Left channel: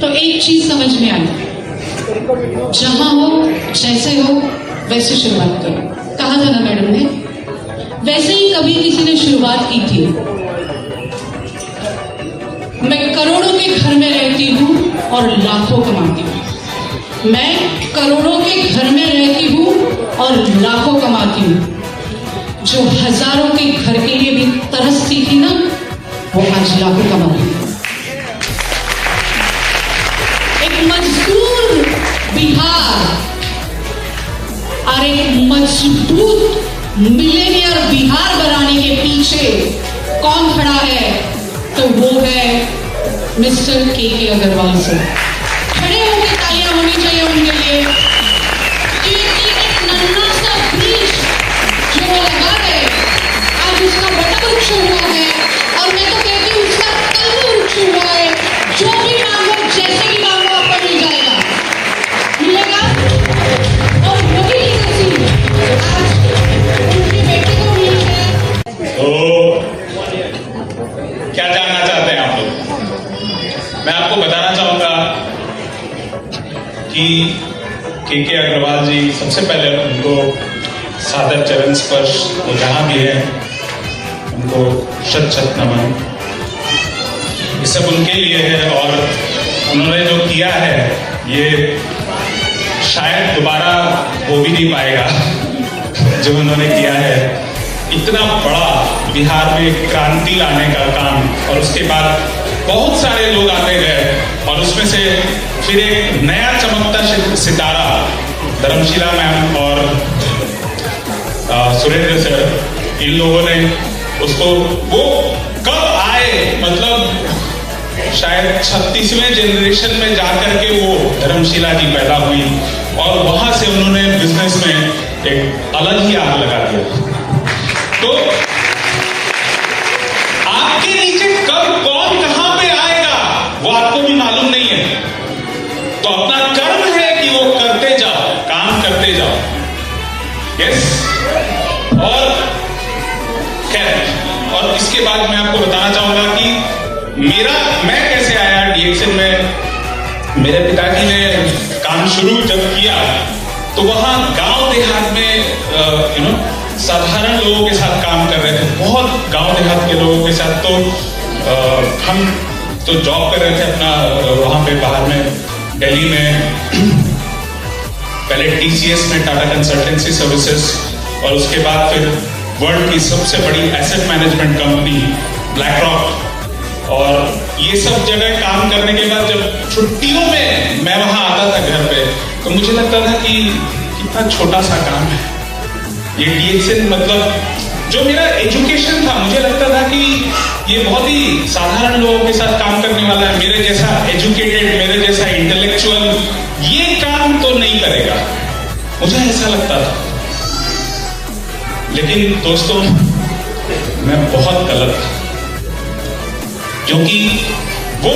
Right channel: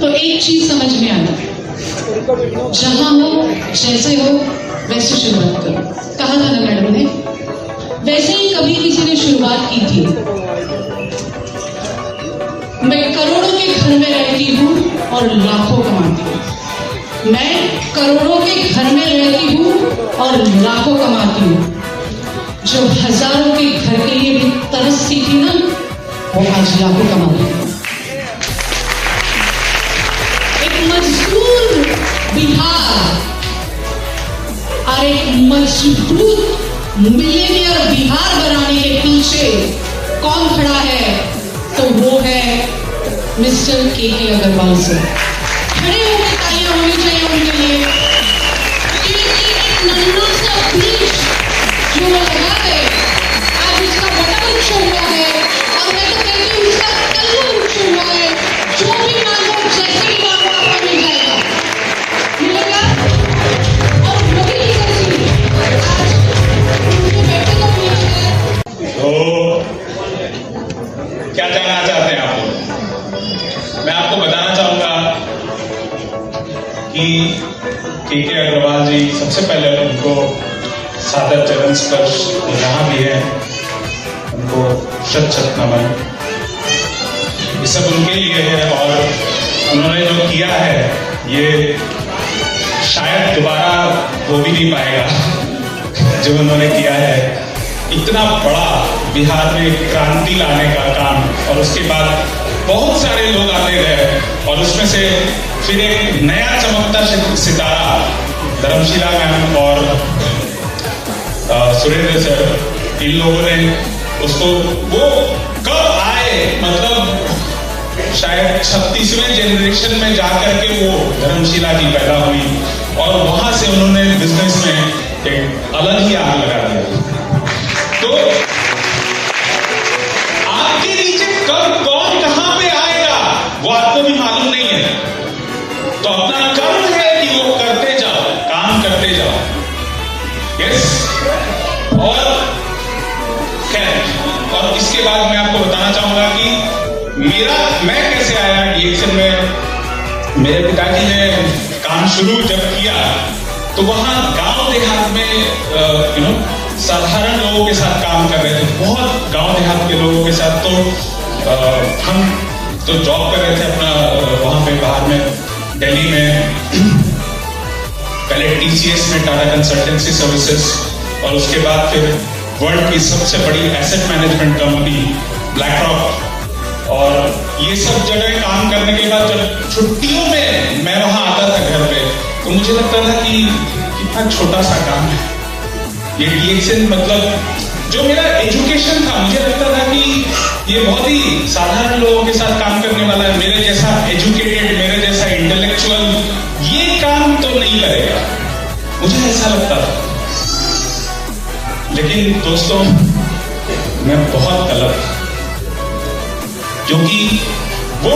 तो एक चीज समझ में आई, जहां हो जैसे हो वैसे शुरुआत करो। कहा था ना मैडम ने, वैसे ही कभी किसी ने शुरुआत की थी। मैं करोड़ों के घर में रहती हूँ और लाखों कमाती हूँ। मैं करोड़ों के घर में रहती हूँ और लाखों कमाती हूँ। जो हजारों के घर के लिए भी तरसती थी ना, वो आज लाखों कमाती है। एक मजबूर बिहार और एक मजबूत मिलेनियर बिहार बनाने के पीछे कौन खड़ा है? तो वो है मिस्टर के अग्रवाल सर। खड़े होकर तालियां होनी चाहिए उनके लिए। एक नन्हा सा बीज जो वो लगा है, आज उसका बटन उठ हुआ है, और मैं तो कहती हूँ उसका कल उठ हुआ है। जो भी मांगो, जैसे भी मांगो, आपको मिल जाएगा, मिलेगा। और वही नहीं आज उनके बेटे को मिला है। तो क्या जानना चाहते हैं आप लोग? मैं आपको बताना चाहूंगा कि के अग्रवाल जी, सबसे पहले उनको सादर चरण स्पर्श जहां भी है उनको शत शत नमन। ये सब उनके लिए है और उन्होंने जो किया है ये शायद दोबारा हो भी नहीं पाएगा जो उन्होंने किया है। इतना बड़ा बिहार में क्रांति लाने का काम, और उसके बाद बहुत सारे लोग आते गए और उसमें से फिर एक नया चमकता सितारा धर्मशिला मैम और सुरेंद्र सर, इन लोगों ने उसको, वो कब आए, मतलब शायद 36वें जनरेशन में जाकर के वो धर्मशिला जी पैदा हुई और वहां से उन्होंने बिजनेस में एक अलग ही आग लगा दिया। तो आपके नीचे कब कौन कहां पे आएगा वो आपको भी मालूम नहीं है। तो अपना कर्म है कि वो करते जाओ, काम करते जाओ। यस। और खैर, और इसके बाद मैं आपको बताना चाहूंगा कि मैं कैसे आया डीएक्शन में। मेरे पिताजी ने काम शुरू जब किया तो वहां गांव देहात में साधारण लोगों के साथ काम कर रहे थे, बहुत गांव देहात के लोगों के साथ। तो हम तो जॉब कर रहे थे अपना वहां पे बाहर में दिल्ली में, पहले टीसीएस में टाटा कंसल्टेंसी सर्विसेज, और उसके बाद फिर वर्ल्ड की सबसे बड़ी asset management company black rock. और ये सब जगह काम करने के बाद जब छुट्टियों में मैं वहां आता था घर पे, तो मुझे लगता था कि कितना छोटा सा काम है ये डीएक्शन। मतलब जो मेरा एजुकेशन था, मुझे लगता था कि ये बहुत ही साधारण लोगों के साथ काम करने वाला है, मेरे जैसा एजुकेटेड, मेरे जैसा इंटेलेक्चुअल ये काम तो नहीं करेगा, मुझे ऐसा लगता था। लेकिन दोस्तों, मैं बहुत गलत था, क्योंकि वो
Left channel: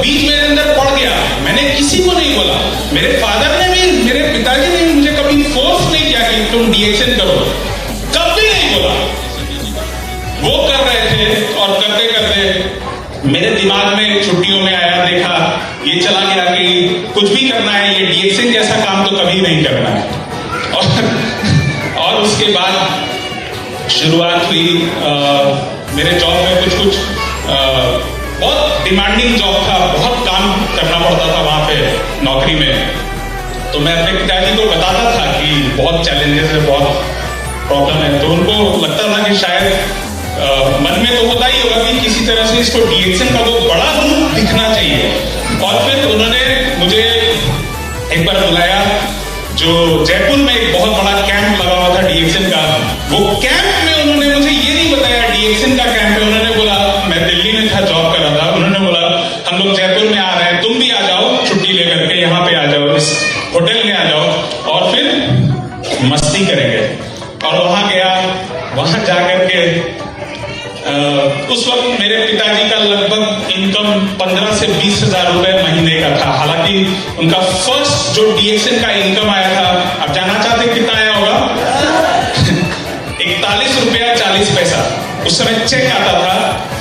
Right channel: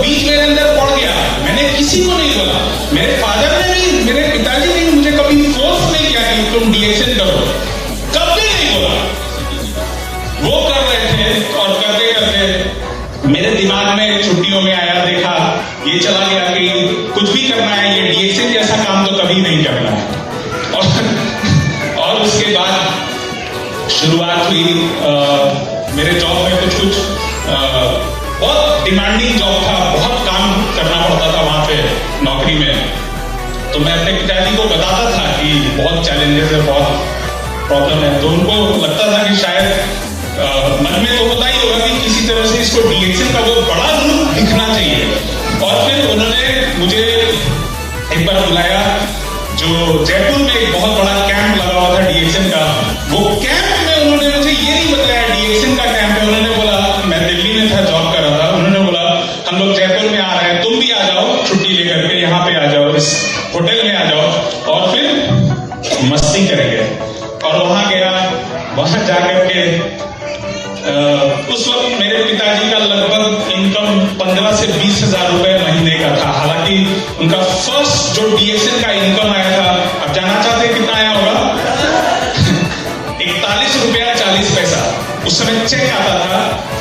बीच मेरे अंदर पड़ गया। मैंने किसी को नहीं बोला, मेरे फादर ने भी, मेरे पिताजी ने भी मुझे कभी फोर्स नहीं किया कि तुम डीएक्शन करो, कभी नहीं बोला। वो कर रहे थे और करते करते मेरे दिमाग में छुट्टियों में आया, देखा, ये चला गया कि कुछ भी करना है, ये डीएक्शन जैसा काम तो कभी नहीं करना है। और उसके बाद शुरुआत हुई मेरे जॉब में कुछ बहुत डिमांडिंग जॉब था, बहुत काम करना पड़ता था वहां पे नौकरी में। तो मैं अपने पिताजी को बताता था कि बहुत चैलेंजेस है, बहुत प्रॉब्लम है। तो उनको लगता था कि शायद मन में तो होता ही होगा कि किसी तरह से इसको डीएक्शन का वो बड़ा रूप दिखना चाहिए। और फिर उन्होंने मुझे एक बार बुलाया, जो जयपुर में एक बहुत बड़ा कैंप लगा हुआ था डीएक्शन का। वो कैंप में उन्होंने मुझे ये नहीं बताया डीएक्शन का कैंप है, उन्होंने बोला, मैं दिल्ली में था, जॉब कर रहा था, उन्होंने बोला हम लोग जयपुर में आ रहे हैं, तुम भी आ जाओ, छुट्टी लेकर के यहाँ पे आ जाओ, इस होटल में आ जाओ और फिर मस्ती करेंगे। और वहां गया, वहां जाकर के उस वक्त मेरे पिताजी का लगभग इनकम 15 से 20 हजार रुपए महीने का था। हालांकि उनका फर्स्ट जो डीएक्शन का इनकम आया था, अब जानना चाहते कितना आया होगा? 41 रुपया 40 पैसा। उस समय चेक आता था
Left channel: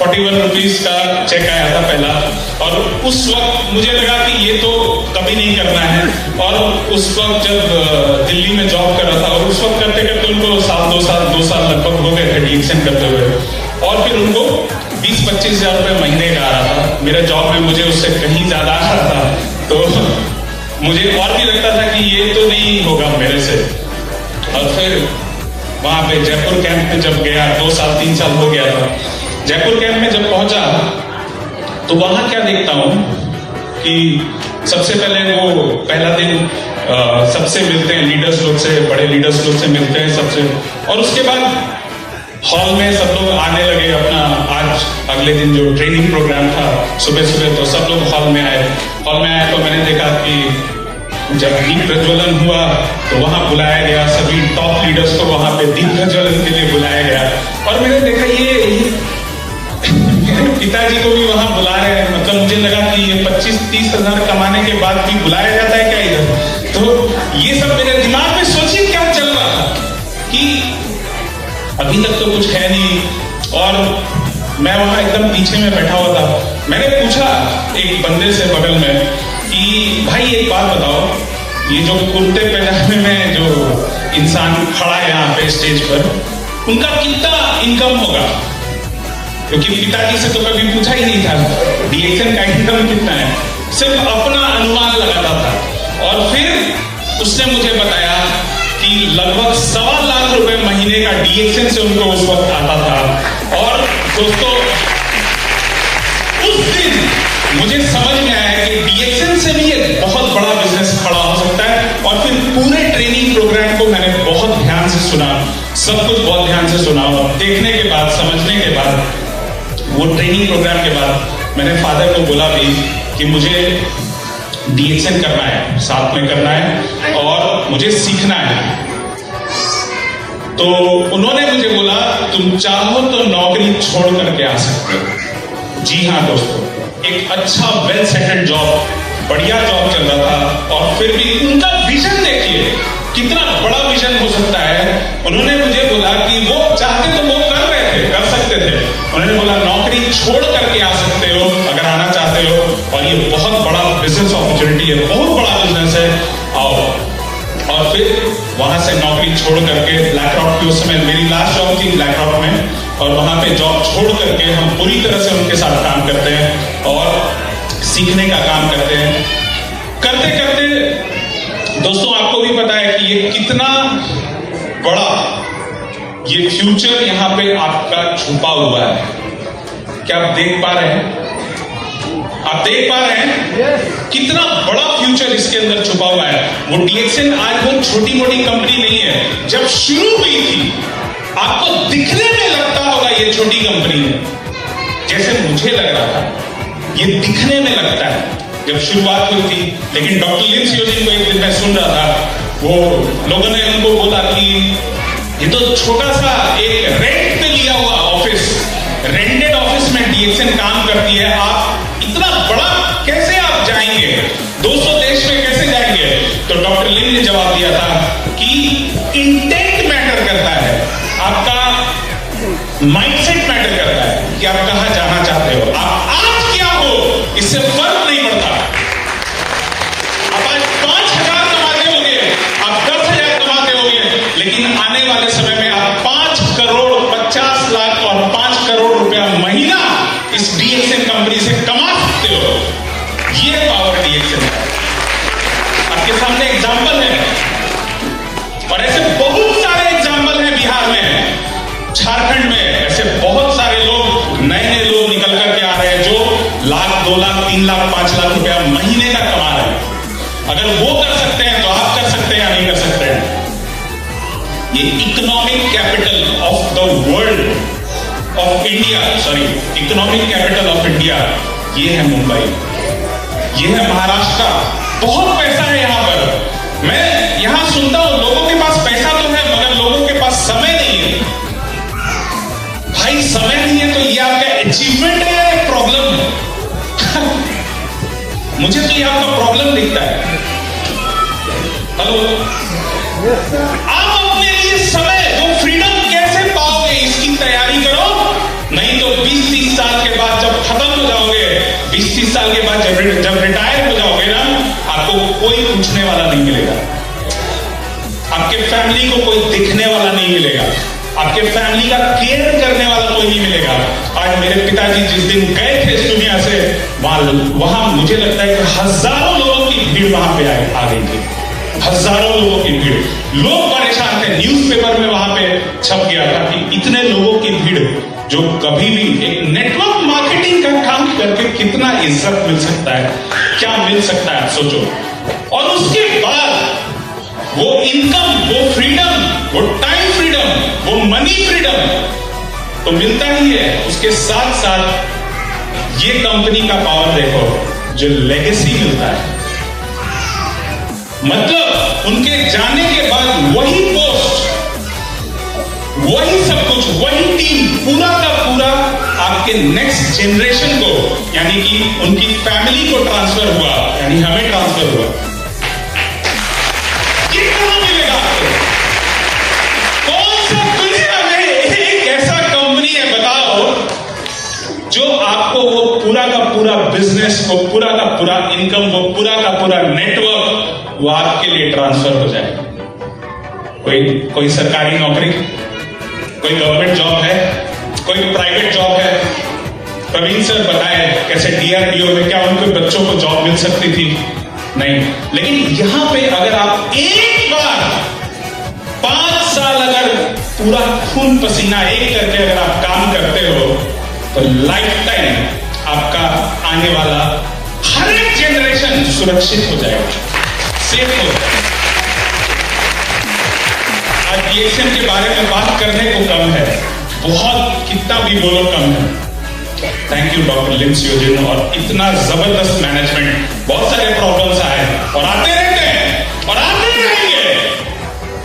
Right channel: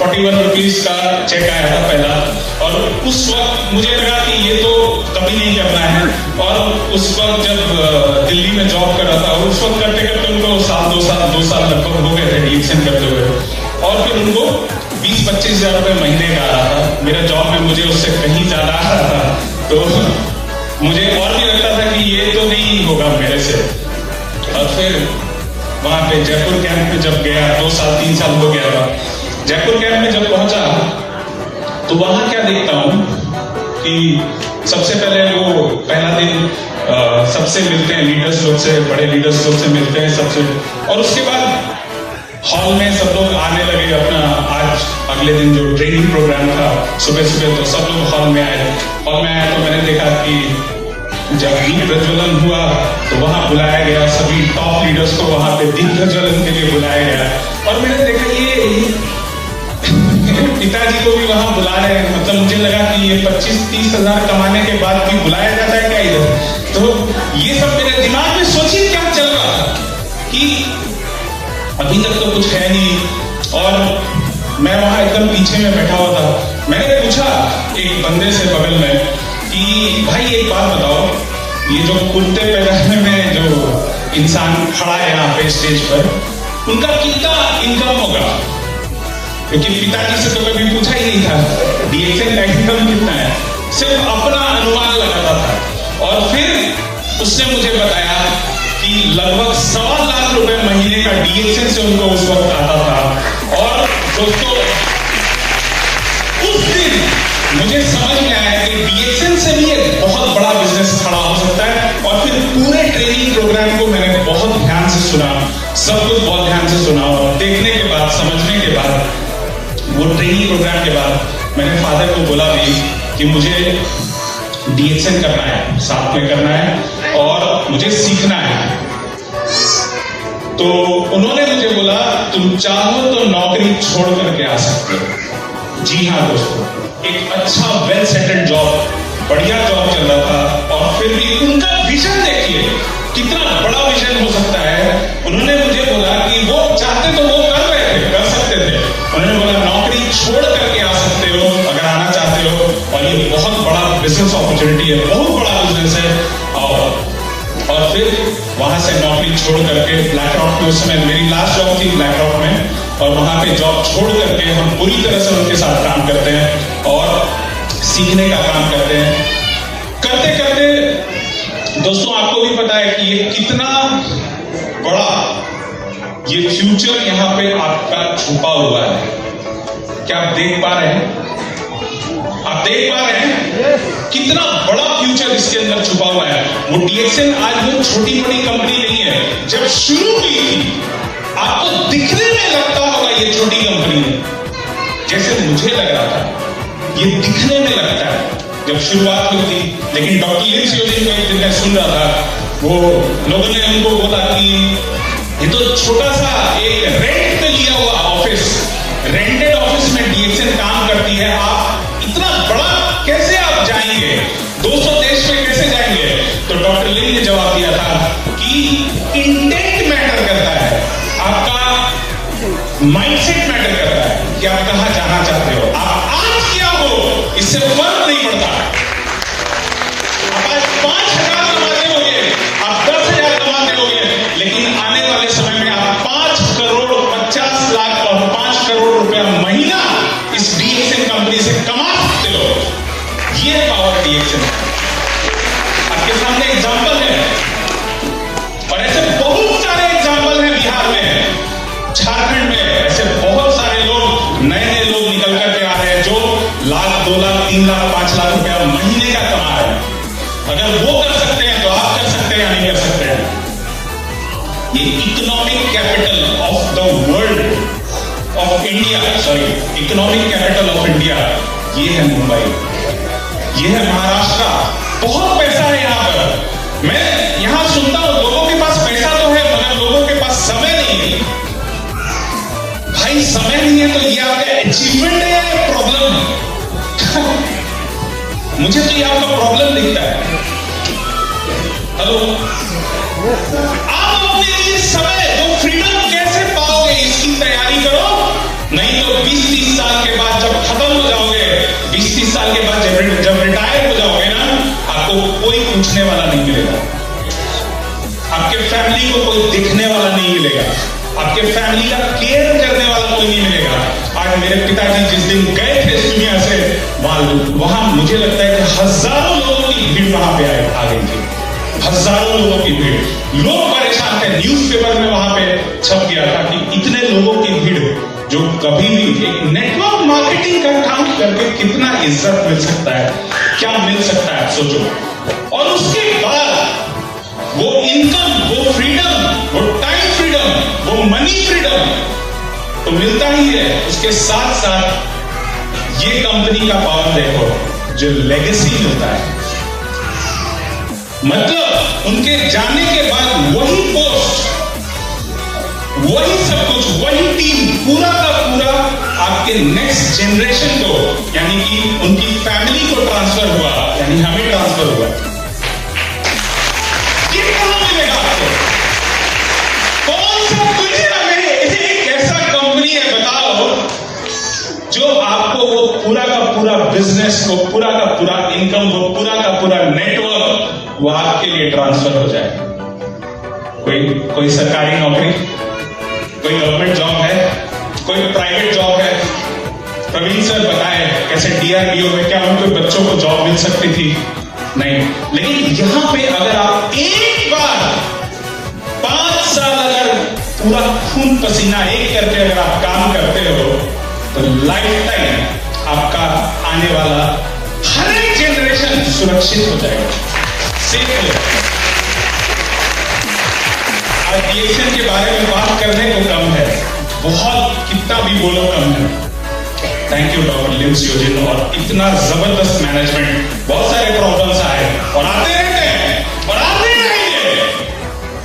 41 रुपीज का चेक आया था पहला, और उस वक्त मुझे लगा कि ये तो कभी नहीं करना है। और उस वक्त जब दिल्ली में जॉब कर रहा था, और उस वक्त करते करते उनको दो साल लगभग हो गए थे डीएक्सएन करते हुए, और फिर उनको 20-25 हजार रुपये महीने का आ रहा था। मेरा जॉब में मुझे उससे कहीं ज्यादा आ रहा था, तो मुझे और भी लगता था कि ये तो नहीं होगा मेरे से। और फिर वहां पे जयपुर कैंप पे जब गया, 2-3 साल हो गया था, जयपुर कैंप में जब पहुंचा तो वहां क्या देखता हूं कि सबसे पहले वो पहला दिन सबसे मिलते हैं, लीडर्स लोग से, बड़े लीडर्स लोग से मिलते हैं सबसे, और उसके बाद हॉल में सब लोग आने लगे अपना। आज अगले दिन जो ट्रेनिंग प्रोग्राम था सुबह सुबह, तो सब लोग हॉल में आए। हॉल में आए तो मैंने देखा कि जब दीप प्रज्वलन हुआ तो वहां बुलाया गया सभी टॉप लीडर्स को, वहां पे दीप प्रज्वलन के लिए बुलाया गया। और मैंने देखा ये पिताजी को भी वहां बुला रहे हैं, मतलब मुझे लगा कि ये 25-30 हजार कमाने के बाद भी बुलाया जाता है क्या इधर? तो ये सब मेरे दिमाग में सोचिए क्या चल रहा था कि अभी तक तो कुछ है नहीं, और मैं वहां एकदम पीछे में बैठा हुआ था। मैंने पूछा एक बंदे से बगल में कि भाई एक बात बताओ, ये जो कुर्ते पैजामे में जो इंसान खड़ा है यहाँ पे स्टेज पर, उनका कितना इनकम होगा? क्योंकि पिताजी से तो कभी पूछा ही नहीं था डीएक्सएन का इनकम कितना है, सिर्फ अपना अनुमान लगाता था। और फिर उसने मुझे बताया कि लगभग 1.25 लाख रुपए महीने का डीएक्सएन से उनको उस वक्त आता था। और दोस्तों उस दिन मुझे समझ में आया कि डीएक्सएन से भी एक बहुत बड़ा बिजनेस खड़ा हो सकता है। और फिर पूरे ट्रेनिंग प्रोग्राम को मैंने बहुत ध्यान से सुना, सब कुछ बहुत ध्यान से सुना, और देखने के बाद, समझने के बाद, वो ट्रेनिंग प्रोग्राम के बाद मैंने फादर को बोला भी कि मुझे डीएक्सएन करना है, साथ में करना है और मुझे सीखना है। तो उन्होंने मुझे बोला तुम चाहो तो नौकरी छोड़ करके आ सकते हो। जी हाँ दोस्तों, एक अच्छा वेल सेटल्ड जॉब, बढ़िया जॉब चल रहा था, और फिर भी उनका विजन देखिए कितना बड़ा विजन हो सकता है। उन्होंने मुझे बोला कि वो चाहते तो वो कर रहे थे, कर सकते थे। उन्होंने बोला नौकरी छोड़ करके आ सकते हो अगर आना चाहते हो, और ये बहुत बड़ा बिजनेस अपॉर्चुनिटी है, बहुत बड़ा बिजनेस है। और फिर वहां से नौकरी छोड़ करके ब्लैक रॉक की, उस समय मेरी लास्ट जॉब थी ब्लैक रॉक में, और वहां पे जॉब छोड़ करके हम पूरी तरह से उनके साथ काम करते हैं और सीखने का काम करते हैं। करते करते दोस्तों आपको भी पता है कि ये कितना बड़ा ये फ्यूचर यहाँ पे आपका छुपा हुआ है। क्या आप देख पा रहे हैं? आप देख पा रहे हैं कितना बड़ा फ्यूचर इसके अंदर छुपा हुआ है। वो डीएक्सएन आज वो छोटी मोटी कंपनी नहीं है। जब शुरू हुई थी आपको दिखने में लगता होगा ये छोटी कंपनी है, जैसे मुझे लग रहा था ये दिखने में लगता है जब शुरुआत हुई थी। लेकिन डॉक्टर लिन सियोजिन को एक दिन मैं सुन रहा था, वो लोगों ने उनको बोला कि ये तो छोटा सा एक रेंट पे लिया हुआ ऑफिस, रेंटेड ऑफिस में डीएक्सएन काम करती है, आप इतना बड़ा कैसे आप जाएंगे, 200 देश में कैसे जाएंगे? तो डॉक्टर लिन ने जवाब दिया था कि इंटेंट मैटर करता है, आपका माइंडसेट मैटर करता है कि आप कहां जाना चाहते हो। आप आज क्या हो इससे फर्क नहीं पड़ता। आप आज 5,000 कमाते होंगे, आप 10,000 कमाते होंगे, लेकिन आने वाले समय में आप 5 करोड़ 50 लाख और 5 करोड़ रुपया महीना इस डीएक्सएन कंपनी से कमा सकते हो। ये पावर डीएक्सएन आपके सामने एग्जाम्पल है, और ऐसे बहुत सारे एग्जाम्पल हैं बिहार में, झारखंड में, ऐसे बहुत सारे लोग, नए नए लोग निकल करके आ रहे हैं जो 1 लाख 2 लाख 3 लाख 5 लाख रुपया महीने का कमा रहे हैं। अगर वो कर सकते हैं तो आप कर सकते हैं या नहीं कर सकते हैं? ये economic capital of the world of India, sorry economic capital of India, ये है मुंबई, ये है महाराष्ट्र। बहुत पैसा है यहाँ पर। मैं यहां सुनता हूं लोगों के पास पैसा तो है मगर लोगों के पास समय नहीं है। भाई समय नहीं है तो ये आपका अचीवमेंट है या प्रॉब्लम है? मुझे तो ये आपका प्रॉब्लम दिखता है। हेलो, आप अपने लिए समय, वो फ्रीडम कैसे पाओगे इसकी तैयारी करो, नहीं तो 20-30 साल के बाद जब खत्म हो जाओगे, 20-30 साल के बाद जब रिटायर हो जाओगे ना, आपको कोई पूछने वाला नहीं मिलेगा, आपके फैमिली को कोई दिखने वाला नहीं मिलेगा, आपके फैमिली का केयर करने वाला कोई नहीं मिलेगा। आज मेरे पिताजी जिस दिन गए थे इस दुनिया से, वहां मुझे लगता है कि हजारों लोगों की भीड़ वहां पे आ गई थी, हजारों लोगों की भीड़। लोग परेशान थे, न्यूज़पेपर में वहां पे छप गया था कि इतने लोगों की भीड़, जो कभी भी एक नेटवर्क मार्केटिंग का काम करके कितना इज्जत मिल सकता है, क्या मिल सकता है, आप सोचो। और उसके बाद वो इनकम, वो फ्रीडम, वो टाइम फ्रीडम, वो मनी फ्रीडम तो मिलता ही है। उसके साथ साथ ये कंपनी का पावर देखो, जो लेगेसी मिलता है, मतलब उनके जाने के बाद वही पोस्ट, वही सब कुछ, वही टीम, पूरा का पूरा आपके नेक्स्ट जनरेशन को, यानी कि उनकी फैमिली को ट्रांसफर हुआ, यानी हमें ट्रांसफर हुआ। ये कहां मिलेगा आपको? कौन सा दुनिया में एक ऐसा कंपनी है बताओ जो आपको वो पूरा का पूरा बिजनेस, वो पूरा का पूरा इनकम, वो पूरा का पूरा नेटवर्क वो आपके लिए ट्रांसफर हो जाए? कोई सरकारी नौकरी, कोई गवर्नमेंट जॉब है, कोई प्राइवेट जॉब है? प्रवीण सर बताए कैसे DRDO में क्या उनके बच्चों को जॉब मिल सकती थी? नहीं। लेकिन यहां पे अगर आप एक बार 5 साल अगर पूरा खून पसीना एक करके अगर आप काम करते हो तो लाइफ टाइम आपका आने वाला हर एक जनरेशन सुरक्षित हो जाएगा, सेफ हो जाएगा। और रिएक्शन के बारे में बात करने को कम है, बहुत कितना भी बोलो कम है। थैंक यू डॉक्टर लिंसी योजिन, और इतना जबरदस्त मैनेजमेंट। बहुत सारे प्रॉब्लम्स आए और आते रहते हैं और आते रहेंगे,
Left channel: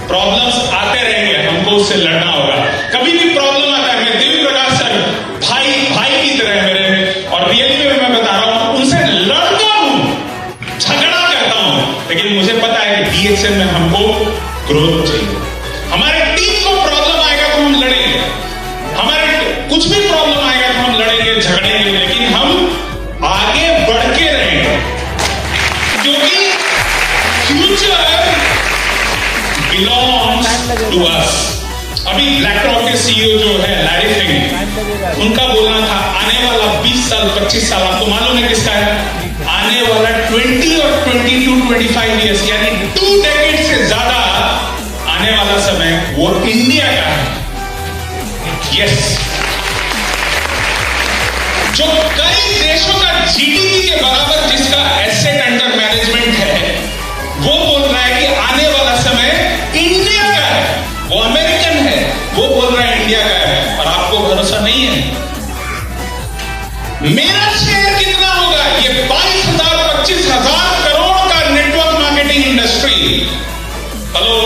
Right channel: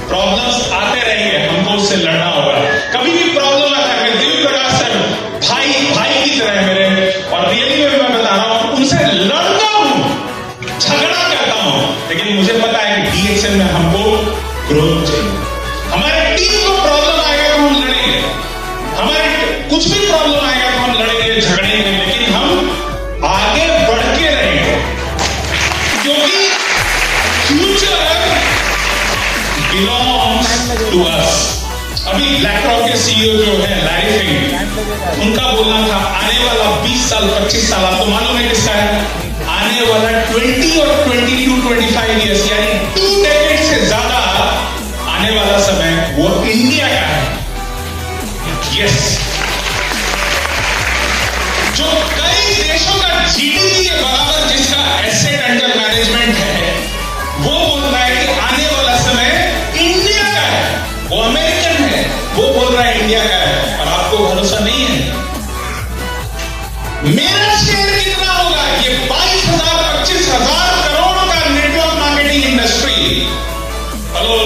प्रॉब्लम्स आते रहेंगे, हमको उससे लड़ना होगा। कभी भी प्रॉब्लम आता है, मैं देवी प्रकाश सर भाई की तरह मेरे, और रियली में मैं बता रहा हूं, उनसे लड़ता हूं, झगड़ा करता हूं, लेकिन मुझे पता है कि DXN में हमको ग्रोथ चाहिए। हमारे टीम को प्रॉब्लम आएगा तो हम लड़ेंगे, हमारे कुछ भी प्रॉब्लम आएगा तो हम लड़ेंगे, झगड़ेंगे, लेकिन हम आगे बढ़ के रहेंगे, क्योंकि फ्यूचर बिलोंग्स टू अस। अभी BlackRock के CEO जो है लैरी फिंक, उनका बोलना था आने वाला 20 साल 25 साल, आपको मालूम है किसका है? आने वाला 20 और 22-25 ईयर्स, यानी 2 डेकेड से ज्यादा आने वाला समय वो इंडिया का है। यस, जो कई देशों का GDP के बराबर जिसका एसेट अंडर मैनेजमेंट है, वो बोल रहा है कि आने वाला समय इंडिया का है, वो अमेरिकन है, वो बोल रहा है इंडिया का है, और आपको भरोसा नहीं है। मेरा शेयर कितना होगा? ये 22,000-25,000 करोड़ का नेटवर्क मार्केटिंग इंडस्ट्री, हेलो,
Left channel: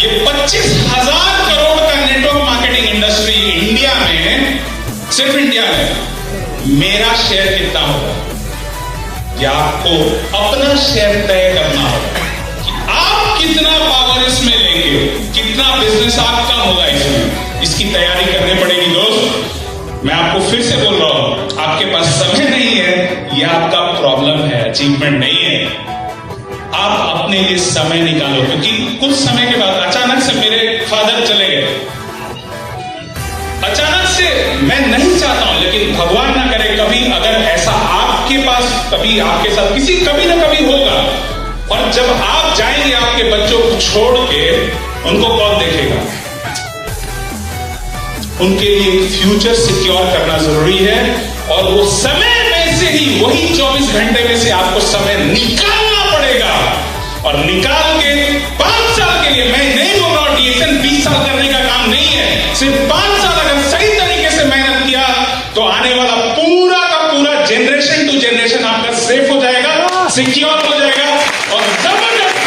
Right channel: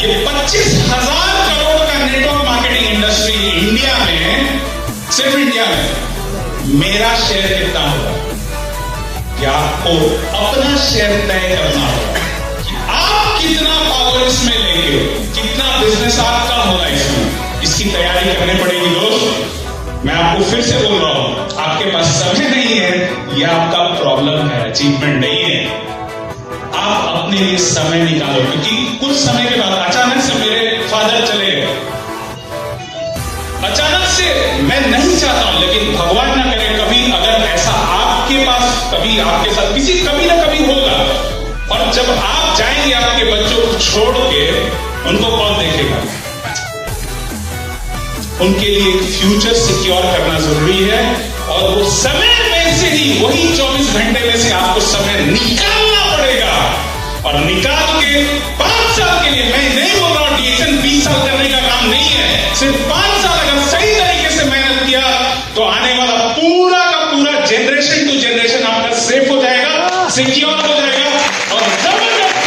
ये 25,000 करोड़ का नेटवर्क मार्केटिंग इंडस्ट्री इंडिया में, सिर्फ इंडिया में मेरा शेयर कितना होगा? या आपको अपना शेयर तय करना होगा कि आप कितना पावर इसमें लेंगे, कितना बिजनेस आपका होगा इसमें, इसकी तैयारी करनी पड़ेगी दोस्त। मैं आपको फिर से बोल रहा हूं, आपके पास समय नहीं है, यह आपका प्रॉब्लम है, अचीवमेंट नहीं है। आप अपने लिए समय निकालो, क्योंकि कुछ समय के बाद अचानक से मेरे फादर चले गए, अचानक से, मैं नहीं चाहता हूं, लेकिन भगवान ना करे कभी अगर ऐसा आपके पास, कभी आपके साथ किसी कभी ना कभी होगा, और जब आप जाएंगे आपके बच्चों को छोड़ के, उनको कौन देखेगा? उनके लिए फ्यूचर सिक्योर करना जरूरी है, और वो समय में से ही, वही 24 घंटे में से आपको समय निकालना पड़ेगा, और निकाल के 5 साल के लिए, मैं नहीं बोल रहा हूं DXN 20 साल करने का काम नहीं है, सिर्फ 5 साल अगर सही तरीके से मेहनत किया तो आने वाला पूरा का पूरा जनरेशन टू जनरेशन आपका सेफ हो जाएगा, सिक्योर हो जाएगा, और जबरदस्त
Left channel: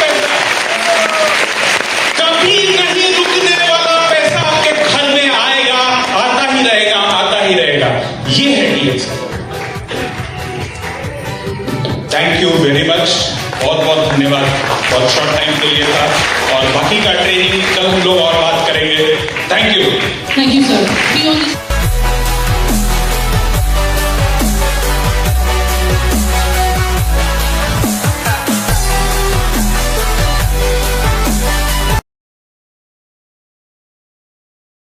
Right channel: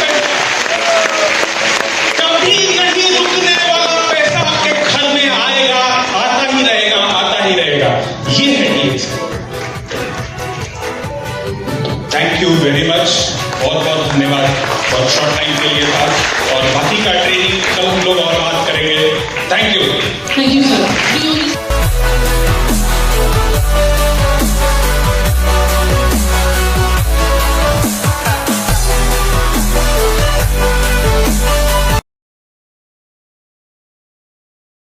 कभी नहीं रुकने वाला पैसा आपके घर में आएगा, आता ही रहेगा, आता ही रहेगा। ये है DXN। Thank you very much, बहुत बहुत धन्यवाद, बहुत शॉर्ट टाइम के लिए था, और बाकी का ट्रेनिंग कल हम लोग और बात करेंगे। Thank you sir.